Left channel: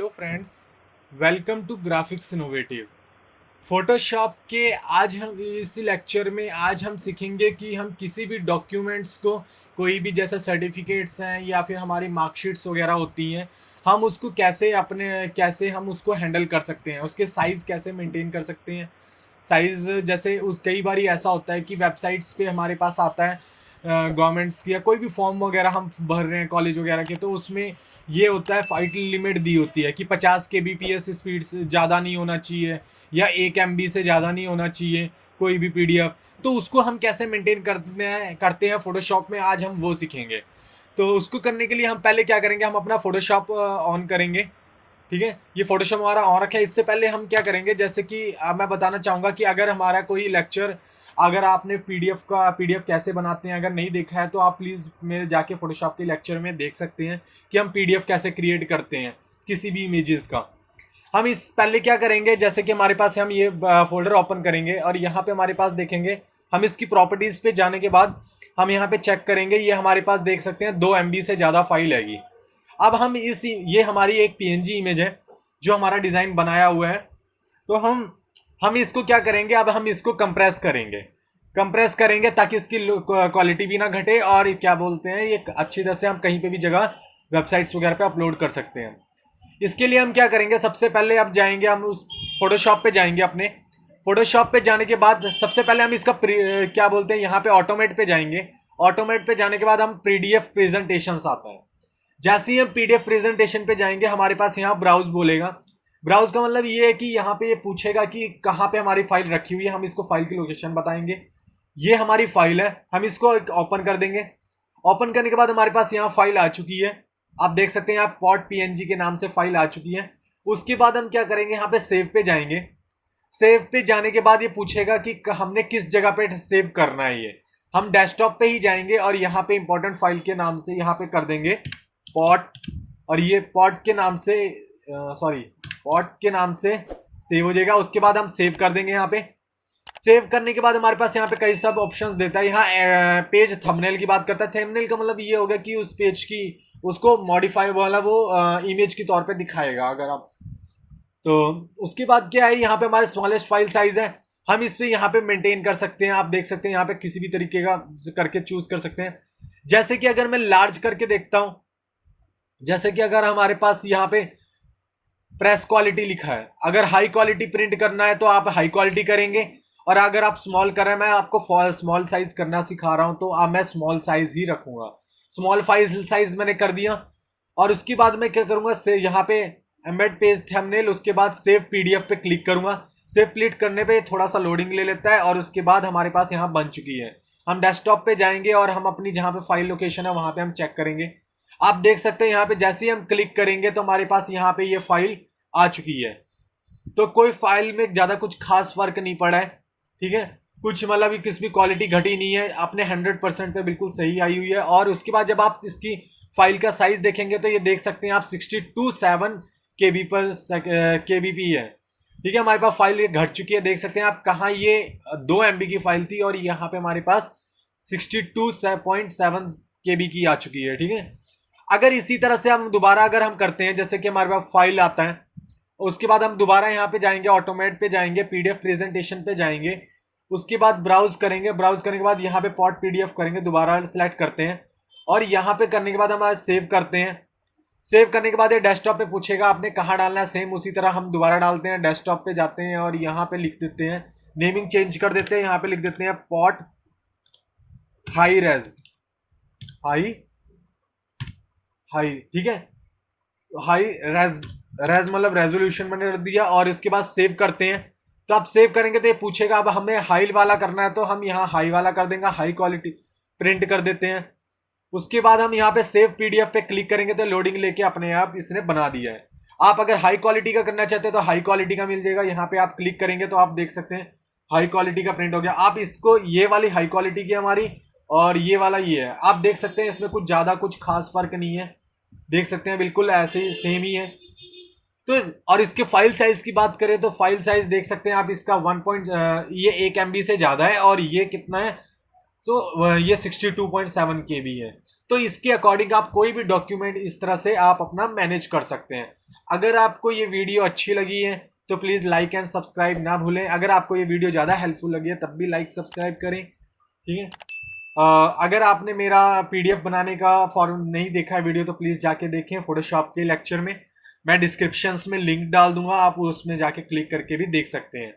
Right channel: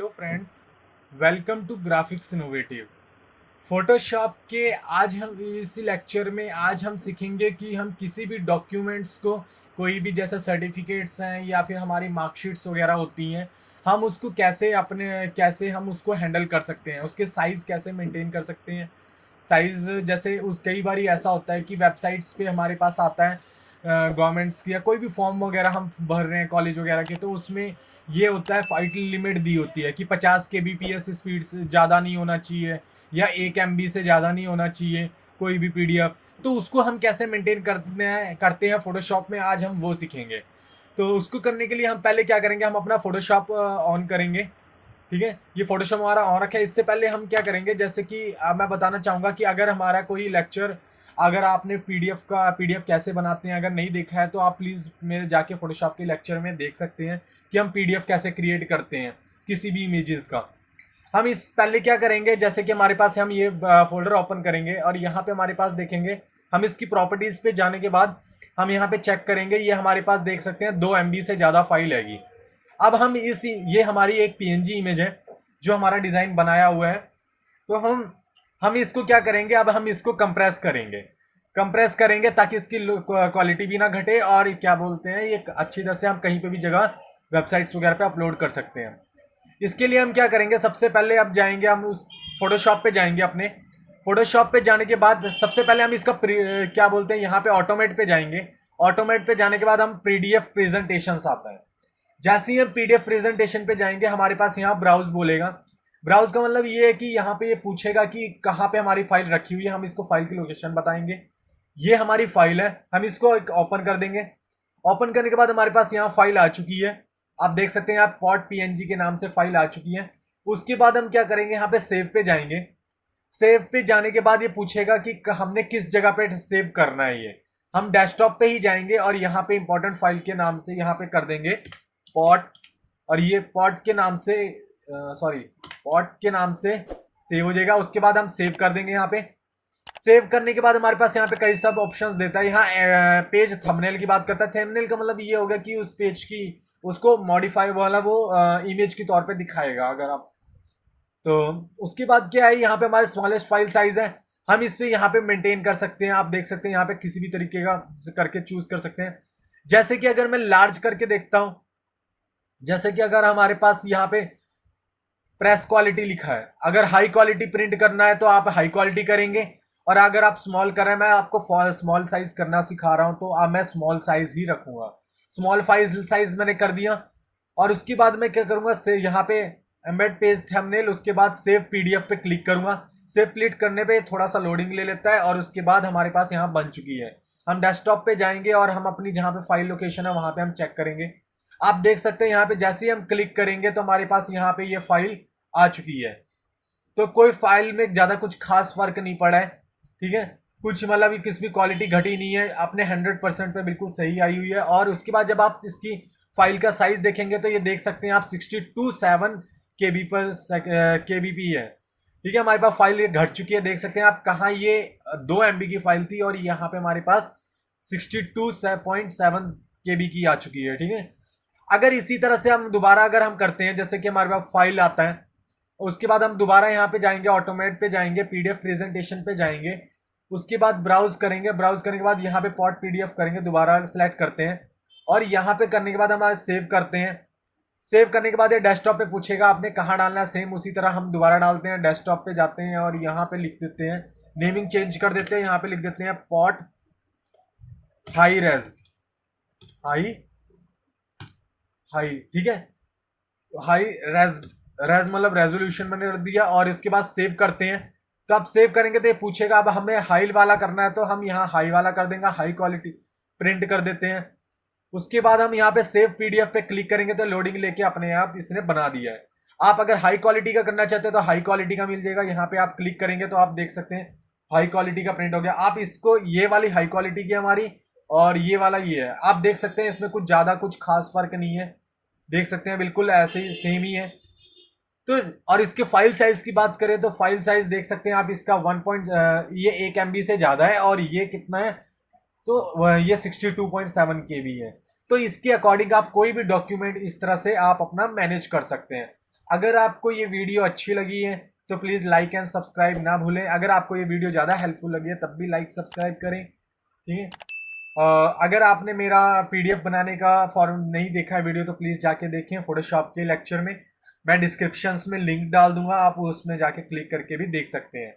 Hello friends, welcome to graphics innovative. Photoshop के आज हम इस लेक्चर में आज हम सीखेंगे कि हम किसी भी डॉक्यूमेंट्स को, कोई भी जैसे सर्टिफिकेट्स हैं या फिर हमारी मार्कशीट्स वगैरह होती हैं, हम उसको कैसे हम उसको हैंडल कर सकते हैं, उसके साइज़ कैसे मेंटेन कर सकते हैं। साइज़ जैसे उस कई बार ऐसा होता है कि वेबसाइट्स पे हमारे पास आता है गवर्नमेंट्स की या कोई भी फॉर्म वगैरह हम भर रहे हैं कॉलेज वगैरह के, तो उसमें ये होता है फाइल लिमिट दी होती है कि 50 के बी पी एस स्पीड से ज़्यादा नहीं होना चाहिए या 1 MB से ज़्यादा नहीं होना चाहिए कोई भी पीडीएफ। तो उसको हम कैसे मेंटेन करते हैं फोटोशॉप में, आज हम वो सीखेंगे। तो उसको करने के लिए हम पहले क्या करेंगे, हम अपना फोटोशॉप ऑन करेंगे। ठीक है, ये फोटोशॉप हमारा ऑन रखा है। इससे पहले हम क्या करेंगे, जैसे कि मैं बताना चाहूँगा कि अगर हमारा कोई लेक्चर, अगर आपने पीडीएफ कैसे बनाते हैं अगर नहीं देखा है तो आप प्लीज़ मेरे जाके फोटोशॉप के लेक्चर में देख सकते हैं कि हम पीडीएफ कैसे क्रिएट करते हैं किसी भी इमेजेस का। हम इस पहले क्या करेंगे, जैसे कि हमारे पास हम ये फोल्डर ओपन करेंगे और यहाँ पे हमारे पास देखेंगे, हम इसकी प्रॉपर्टीज पे जाने के बाद हम यहाँ पे चेक करेंगे, ये हमारे पास देख सकते हैं 2 MB से ज़्यादा फाइल हैगी। अब हम ये हमारी एक पीएनजी इमेज है जो हमारा डिज़ाइन बनाया हुआ है। तो हम इसको क्या करेंगे, अब हम इसको कंप्रेस करेंगे ताकि इसकी क्वालिटी भी ना घटे और क्या बोलते हैं, ये अच्छी तरह से हम कहीं पे भी जगह वेबसाइट्स वगैरह पे अपलोड कर सकते हैं। इसके लिए हम क्या करेंगे, सबसे पहले अब जाएंगे हम उस फोटोशॉप पे जाएंगे। अपने फोटोशॉप पे जाने के बाद सबसे पहले हम इसका क्या बोलते हैं, यहाँ पे ऑटोमेट पे जाएंगे। ऑटोमेट पे जाने के बाद हम पीडीएफ प्रेजेंटेशन आता है। जैसे ही हम पीडीएफ प्रेजेंटेशन पे जाएंगे, हमारे पास यहाँ ब्राउज बोलेगा। ब्राउज का मतलब ये है कि यहाँ पे ये पूछेगा कि कहाँ पे हमारी फाइल रखी हुई है, हम इसको फाइल की लोकेशन बताएंगे। ये हमारी फाइल है, हम इसको ओपन कर देंगे। ओपन करने के बाद हमारे पास यहाँ फाइल आ चुकी है। आप देख सकते हैं यहाँ पॉट पीएनजी के नाम से फाइल आ चुकी है। उसके बाद हम क्या करेंगे, यहाँ पे सेव पे जाएंगे। सेव पे जाने के बाद ये पूछेगा कि हमने किस जगह पे सेव करना है। ये हम डेस्कटॉप पे ही जाएंगे और यहाँ पे इंपॉर्टेंट फाइल के नाम से यहाँ पे कर देंगे पॉट, और ये पॉट के नाम से पॉट के नाम से सेव हो जाएगा। उसके बाद हम सेव कर देंगे। यहाँ पे सेव करने के बाद हमारे पास यहाँ पे कई सब ऑप्शंस देता है। यहाँ पेज थंबनेल की बात करता है। थंबनेल का मतलब ये होगा कि उस पेज की उसको मॉडिफाई वाला वो इमेज के तौर पे दिखाएगा। अगर आप तो उसके बाद क्या है, यहाँ पे हमारे स्मॉलेस्ट फाइल साइज है, हम इस पे यहाँ पे मेंटेन कर सकते हैं। आप देख सकते हैं यहाँ पे किसी भी तरीके का करके चूज कर सकते हैं। जैसे कि अगर मैं लार्ज करके देखता हूं, जैसे कि अगर हमारे पास यहाँ पे प्रेस क्वालिटी लिखा है, अगर हाई क्वालिटी प्रिंट करना है तो आप हाई क्वालिटी करेंगे, और अगर आप स्मॉल करें, मैं आपको स्मॉल साइज करना सिखा रहा हूं तो मैं स्मॉल साइज ही रखूंगा। स्मॉल साइज मैंने कर दिया। और उसके बाद मैं क्या करूंगा, यहाँ पे एम्बेड पेज थंबनेल, उसके बाद सेव पीडीएफ पे क्लिक करूंगा। सेव क्लिक करने पे थोड़ा सा लोडिंग ले लेता है और उसके बाद हमारे पास यहाँ बन चुकी है। हम डेस्कटॉप पे जाएंगे और हम अपनी जहाँ पे फाइल लोकेशन है वहां पे हम चेक करेंगे। आप देख सकते हैं यहाँ पे जैसे ही हम क्लिक करेंगे तो हमारे पास यहाँ पे ये फाइल आ चुकी है। तो कोई फाइल में ज्यादा कुछ खास फर्क नहीं पड़ा है। ठीक है, कुछ मतलब किसी भी क्वालिटी घटी नहीं है, अपने 100% पे बिल्कुल सही आई हुई है। और उसके बाद जब आप इसकी फाइल का साइज देखेंगे तो ये देख सकते हैं आप 62.7 केबी पर केबीपी है। ठीक है, हमारे पास फाइल ये घट चुकी है। देख सकते हैं आप कहाँ ये 2 MB की फाइल थी और यहाँ पे हमारे पास 62.7 केबी की आ चुकी है। ठीक है, अगर इसी तरह से हम दोबारा अगर हम करते हैं, जैसे कि हमारे पास फाइल आता है, उसके बाद हम दोबारा यहाँ पे जाएंगे, ऑटोमेट पे जाएंगे, पीडीएफ प्रेजेंटेशन पे जाएंगे। उसके बाद ब्राउज करेंगे। ब्राउज करने के बाद यहाँ पे पॉट पीडीएफ करेंगे, दोबारा सेलेक्ट करते हैं और यहाँ पे करने के बाद हम सेव करते हैं। सेव करने के बाद ये डेस्कटॉप पे पूछेगा आपने कहाँ डालना है, सेम उसी तरह हम दोबारा डालते हैं। डेस्कटॉप पे जाते हैं और यहाँ पे लिख देते हैं, नेमिंग चेंज कर देते हैं, यहाँ पे लिख देते हैं पॉट हाई रेज, हाई हाई। ठीक है, हाई रेज, रेज मतलब रेजोल्यूशन मैंने कर दिया और इसके बाद सेव करते हैं। तो आप सेव करेंगे तो ये पूछेगा, अब हमें हाई वाला करना है तो हम यहाँ हाई वाला कर देंगे, हाई क्वालिटी प्रिंट कर देते हैं। उसके बाद हम यहाँ पे सेव पीडीएफ पे क्लिक करेंगे तो लोडिंग लेके अपने आप इसने बना दिया है। आप अगर हाई क्वालिटी का करना चाहते हैं तो हाई क्वालिटी का मिल जाएगा। यहाँ पे आप क्लिक करेंगे तो आप देख सकते हैं हाई क्वालिटी का प्रिंट हो गया। आप इसको, ये वाली हाई क्वालिटी की हमारी और ये वाला ये है, आप देख सकते हैं इसमें कुछ ज्यादा कुछ खास फर्क नहीं है। देख सकते हैं बिल्कुल ऐसे ही सेम ही है। तो और इसके फाइल साइज की बात करें तो फाइल साइज देख सकते हैं आप, इसका ये 1 MB से ज्यादा है और ये कितना है, तो ये 62.7 KB है। तो इसके अकॉर्डिंग आप कोई भी डॉक्यूमेंट इस तरह से आप अपना मैनेज कर सकते हैं। अगर आपको ये वीडियो अच्छी लगी है तो प्लीज़ लाइक एंड सब्सक्राइब ना भूलें। अगर आपको ये वीडियो ज़्यादा हेल्पफुल लगी है तब भी लाइक सब्सक्राइब करें, ठीक है। अगर आपने मेरा पीडीएफ बनाने का फॉर्म नहीं देखा है वीडियो तो प्लीज़ जाके देखें फोटोशॉप के लेक्चर में। मैं डिस्क्रिप्शंस में लिंक डाल दूंगा, आप उसमें जाके क्लिक करके भी देख सकते हैं।